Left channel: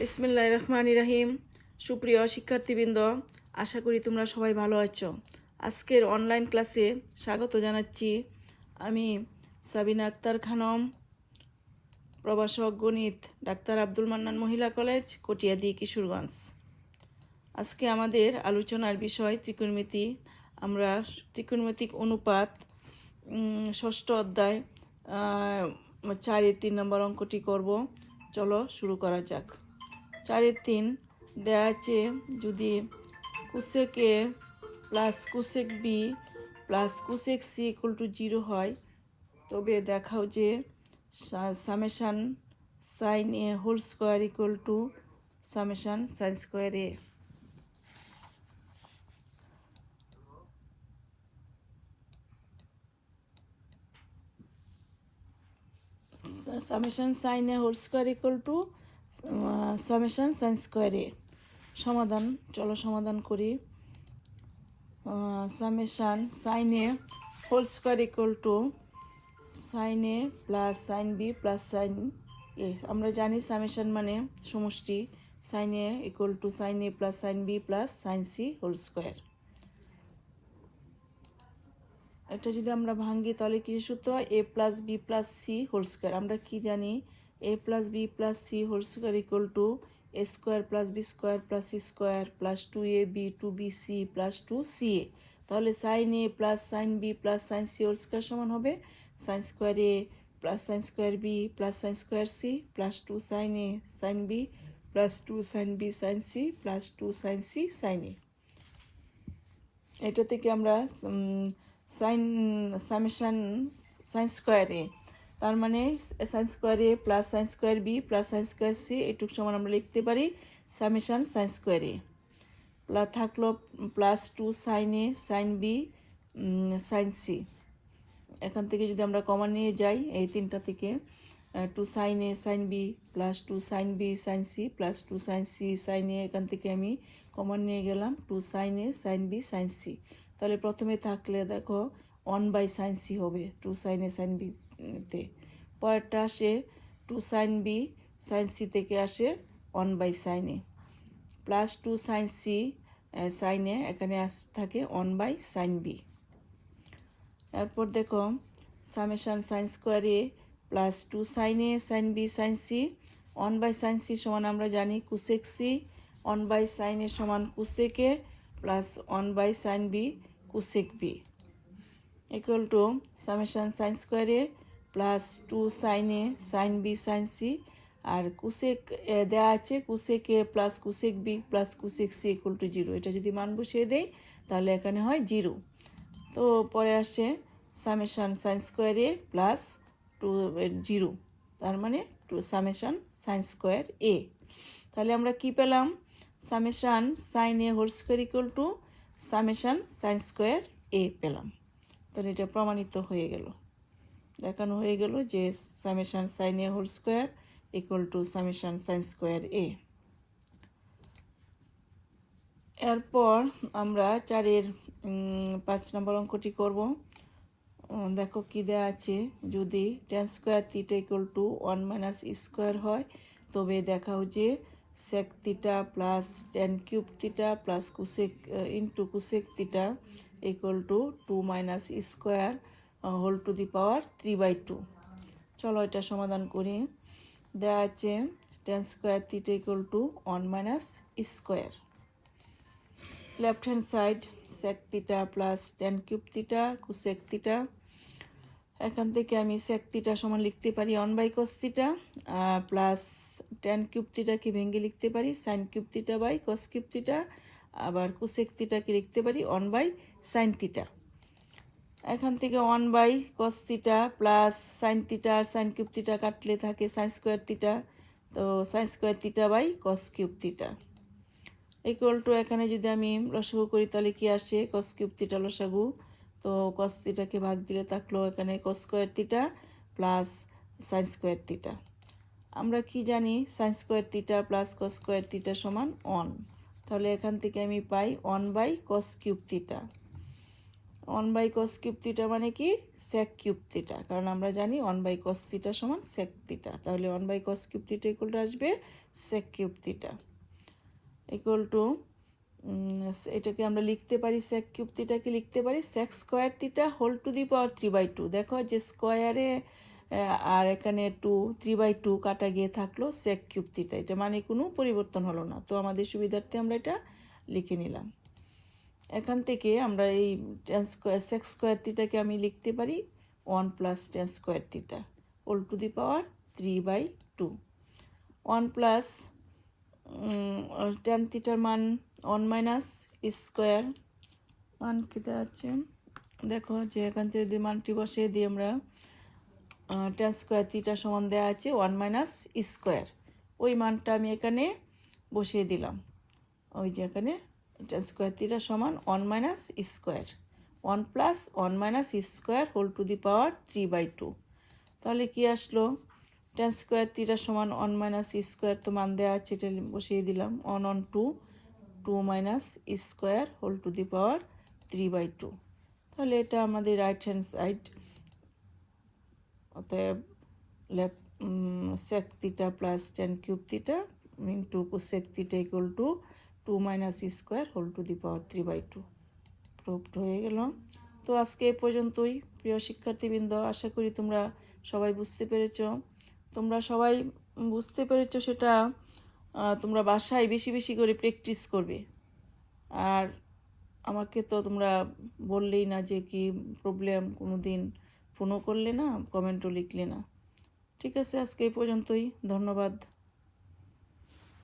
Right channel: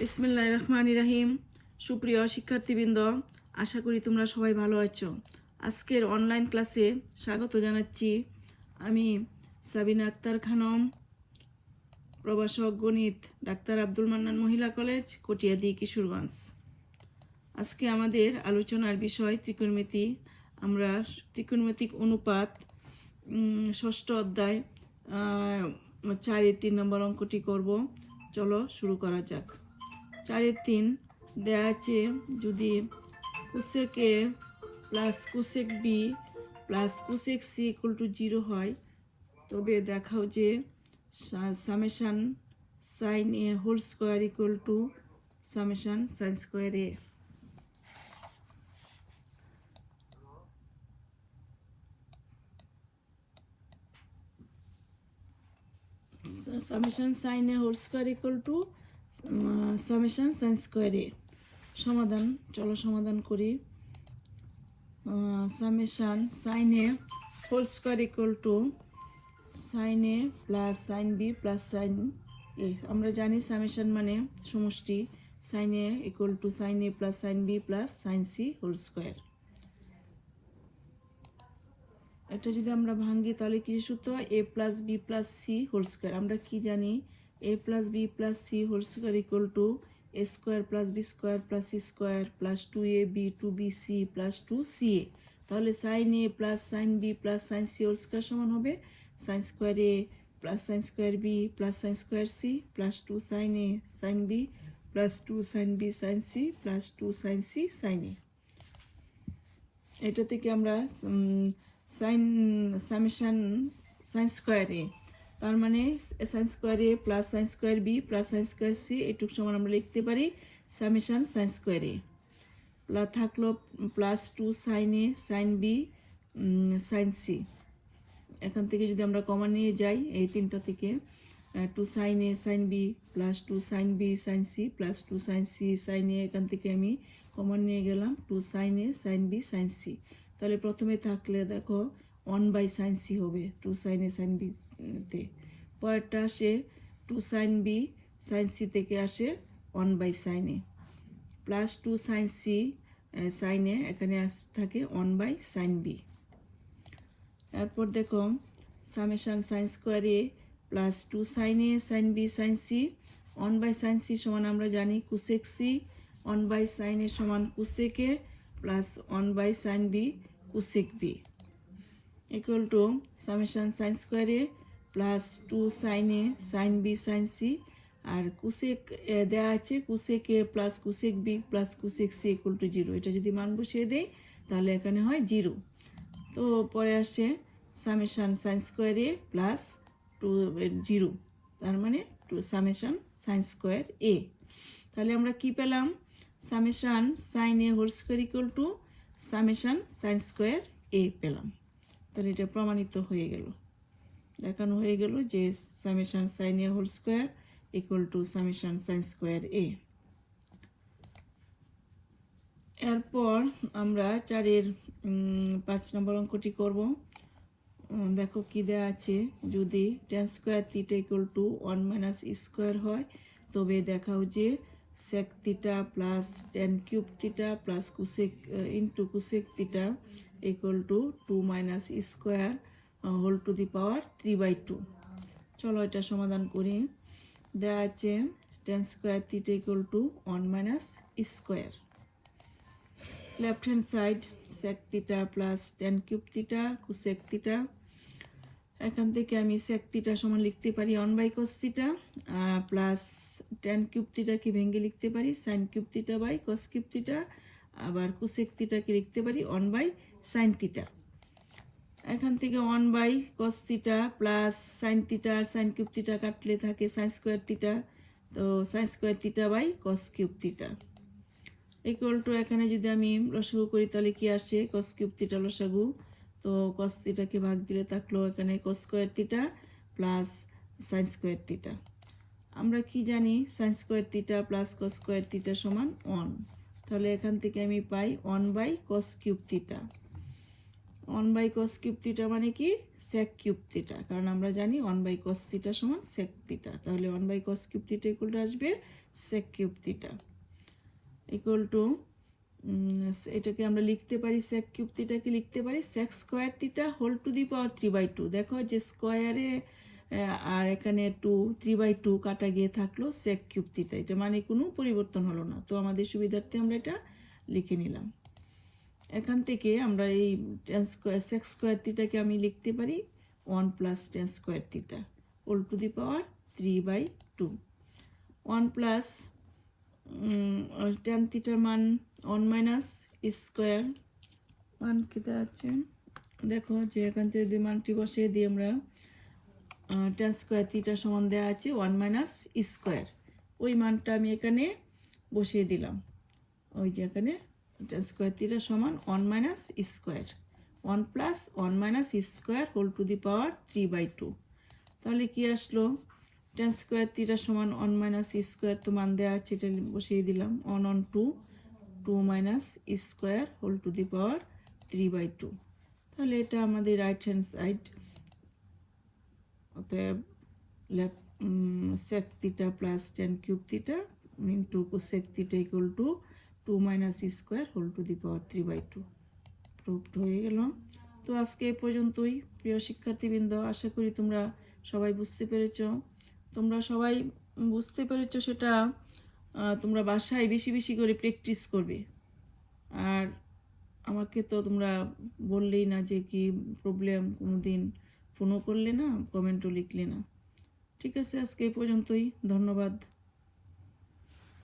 বিসমিল্লাহির রহমানির রহিম। সুপ্রিয় শিক্ষার্থীবৃন্দ, আশা করি তোমরা সবাই ভালো আছো। আজকের অনলাইন ক্লাসে স্বাগত জানাচ্ছি। আমি সাবিনা আক্তার খানম, প্রভাষক গণিত, ডাক্তার আব্দুল মান্নান মহিলা কলেজ, কটিয়াদি, কিশোরগঞ্জ। আজকে আমাদের আলোচনার বিষয় ত্রিকোণমিতি। আমরা ত্রিকোণমিতিক অনুপাত ষষ্ঠ অধ্যায় 4-3 নম্বর অঙ্কটি করব। চলো শুরু করা যাক। 4-3 দেয়া আছে, যদি cosec A plus cosec B plus cosec C equal to 0 হয়, তবে দেখাও যে summation sine A whole square equal to summation sine square A. Summation sine A whole square equal to summation sine square A. সমাধান, চলো সমাধান করি। Summation sine A whole square equal to sine A plus sine B plus sine A. আমরা জানি summation মানে সমষ্টি। Sine A equal to sine A plus sine B plus sine C whole square. এটা যদি আমরা ভাঙি তাহলে কি সূত্র? A plus B plus C whole square. আমরা কি জানি? A plus B plus C whole square equal to A square plus B square plus C square plus 2ab 2bc plus 2ca। তাহলে sine A plus sine B plus sine C whole square সমান হবে sine square A plus sine square B plus sine square C plus 2 sine A sine B plus 2 sine B sine C plus 2 sine C sine A. এটা থেকে আমরা sine summation sine square A, তার মানে sine square A plus sine square B plus sine square C, এটুকু সমান আমরা লিখতে পারি summation sine square A. Plus থাকলো plus 2 sine A sine B sine C. এখান থেকে যদি আমরা কমন নিয়ে যাই এই তিনটা থেকে, 2 sine A sine B plus 2 sine B sine C plus 2 sine C sine A, এখান থেকে আমি কমন নিয়ে গেলাম 2 sine A sine B sine C. তাহলে প্রথমে থাকলে দেখো 1 বাই সাইন সি হবে 2 সাইন এ সাইন বি তে। পরেরটা আসে 2 সাইন বি সাইন সি থেকে আসে 1 by sine A plus 2 sine C sine A, এখানে থাকে 1 বাই সাইন বি। এরপর দেখো summation sine square A plus 2 sine A sine B sine C 1 by sine C সমান আমরা জানি cosec C, 1 by sine A সমান cosec A plus 1 by sine B cosec B equal to summation sine square A plus 2 sine A sine B sine C, R cosec দেওয়া আছে cosec A plus cosec B plus cosec C equal to 0। এটা যদি মান বসিয়ে দেই তাহলে এখানে হয় 0। তো পরে আসে summation sine square A plus 2 0, তার মানে 2 সামেশান সাইন স্কোয়ার এ। তাহলে আমরা কি পেলাম? Summation sine A whole square equal to summation sine square A পেলাম। তাহলে এটা প্রমাণিত হয়ে গেল, দেখানো হয়ে গেল যে summation sine A whole square equal to summation sine square A. এরপর আমরা 4-এর 5 নম্বর অঙ্কটি করব। দেখো কি দেওয়া আছে, যদি tan square theta equal to 1 minus square হয়, তবে দেখাও যে sec theta plus tan cube theta plus cosec into cosec theta equal to 2 minus square whole to the power 3/2। চলো এটা সমাধান করি। দেওয়া আছে tan square theta equal to 1 minus square. Left hand side sec theta plus tan cube theta cosec theta. এখান থেকে আমি sec theta সমান লিখতে পারি 1 by cos theta plus tan cube থিটাকে ভেঙে লিখতে পারি sine cube theta by cos cube theta, আবার কোসেক থিটাকে লিখতে পারি 1 বাই সাইন থিটা। এখান থেকে 1 by cos theta plus sine theta আর সাইন কিউব থিটা কাটলে থাকে সাইন স্কোয়ার থিটা, তো sine square theta by cos cube theta equal to, এখানে যদি আমি লসাগু করি তাহলে কি আসে কস কিউব থিটা লসাগু, তো কস থিটাকে ভাগ দিলে থাকলো এখানে cos square theta plus sine square theta. আমরা কি জানি sine square theta plus cos square theta সমান 1, তাহলে এখান থেকে আমি পাই 1 by cos cube theta. 1 by cos cube theta মানে কি সেক কিউব থিটা, কারণ আমরা জানি 1 বাই কস থিটা সমান সেক থিটা, তাহলে 1 by cos cube theta equal to আসবে sec cube theta equal to এটাকে আমরা লিখতে পারি সেক কিউব থিটাকে লিখতে পারি sec square theta whole to the power 3/2। দেখো যে স্কোয়ারে আর এখানে 3/2 কাটা গিয়ে থাকলো সেক কিউব থিটা, এটা মানে কোনো পরিবর্তন হলো না। তো আমাদের সুবিধার্থে আমরা এটা লিখে নিলাম। এখান থেকে আমরা এই টেন স্কোয়ার সেক স্কোয়ার থিটাকে আমি লিখতে পারি 1 plus tan square theta whole to the power 3/2। 1 plus tan থিটার মান 1 মাইনাস স্কোয়ার মান কেটে যাচ্ছে। দেখো যে এখান থেকে যদি মানটি বসিয়ে দিই আমরা টেন স্কোয়ার থিটা সমান দেওয়া আছে 1 মাইনাস স্কোয়ার, ওই মানটা আমি এখানে বসিয়ে দিলাম। ওই যে এখানে টেন স্কোয়ার থিটা সমান 1 minus square 1 plus 1 minus square whole to the power 3/2। তাহলে কি আসলো টেন স্কোয়ার থিটা সমান 1 মাইনাস স্কোয়ার, তো মান দেওয়া আছে এটা বসিয়ে দিলাম 1 on 2 minus square whole to the power 3/2। তাহলে এটা আমাদের রাইট হ্যান্ড সাইড, অতএব left sec theta plus tan cube theta into cosec theta equal to 2 minus square whole to the power 3/2 proved হয়ে গেল। তো আজকে এ পর্যন্তই প্রিয় শিক্ষার্থীবৃন্দ, আশা করি তোমরা সবাই বুঝতে পেরেছ। তোমরা সবাই বুঝতে পেরেছ সেটা তোমরা বাসায় বেশি বেশি করে প্র্যাকটিস করবে। আর আমাকে তো তোমরা বললেই না যে কি প্রবলেম, কোনো দিন ফোনও করলে না, কমেন্টও লিখলে না। ঠিক আছে, আজকে এই পর্যন্তই, ধন্যবাদ।